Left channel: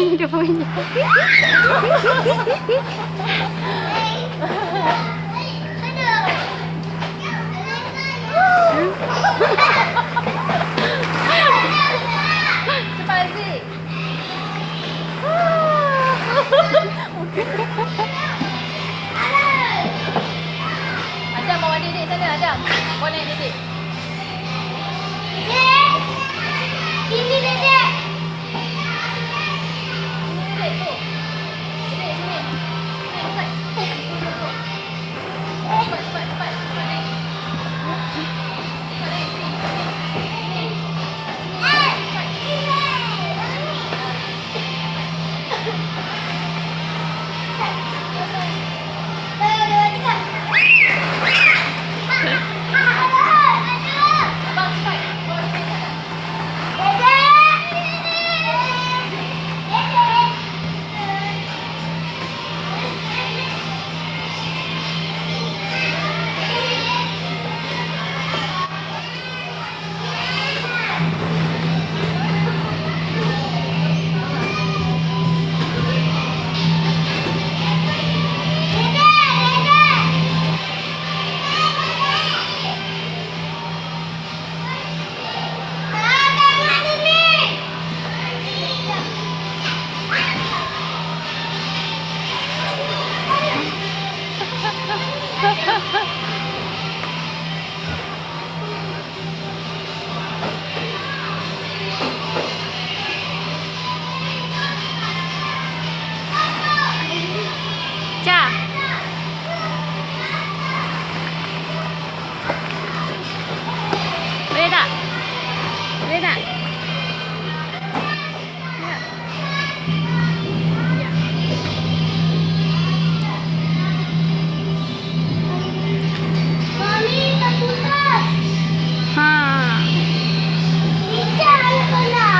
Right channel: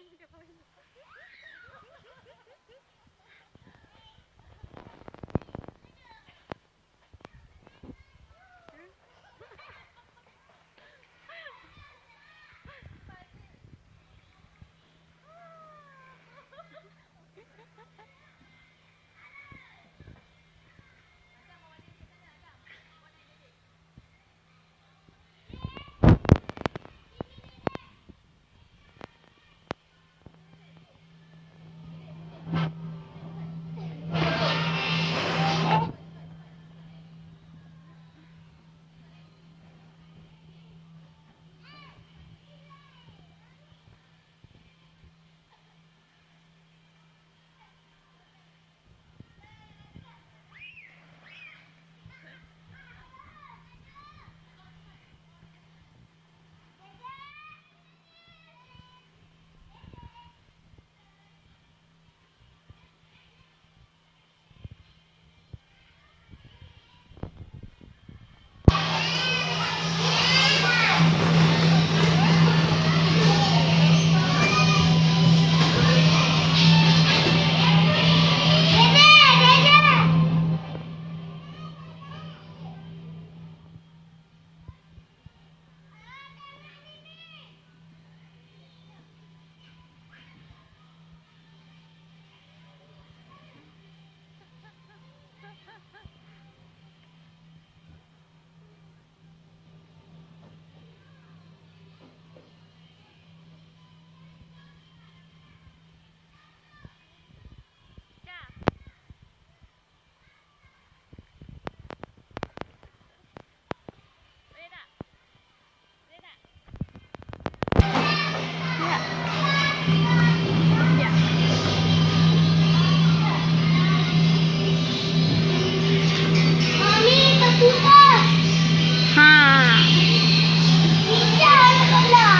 Ini dia punya. Cepat Aziz. Adam bawa Didik sana, Adam. Bawa naik Didik. Ini Dedek. Didik tu. Didik sini. Sini dekat. Cepat, cepat, cepat. Cepat naik. Cepat naik sini. Sini. Abang cepat. Bawa Didik sana. Ca. Boleh tak? Boleh tak? Ya. Ya. Mami, terputus. Ha. Tidak, ya,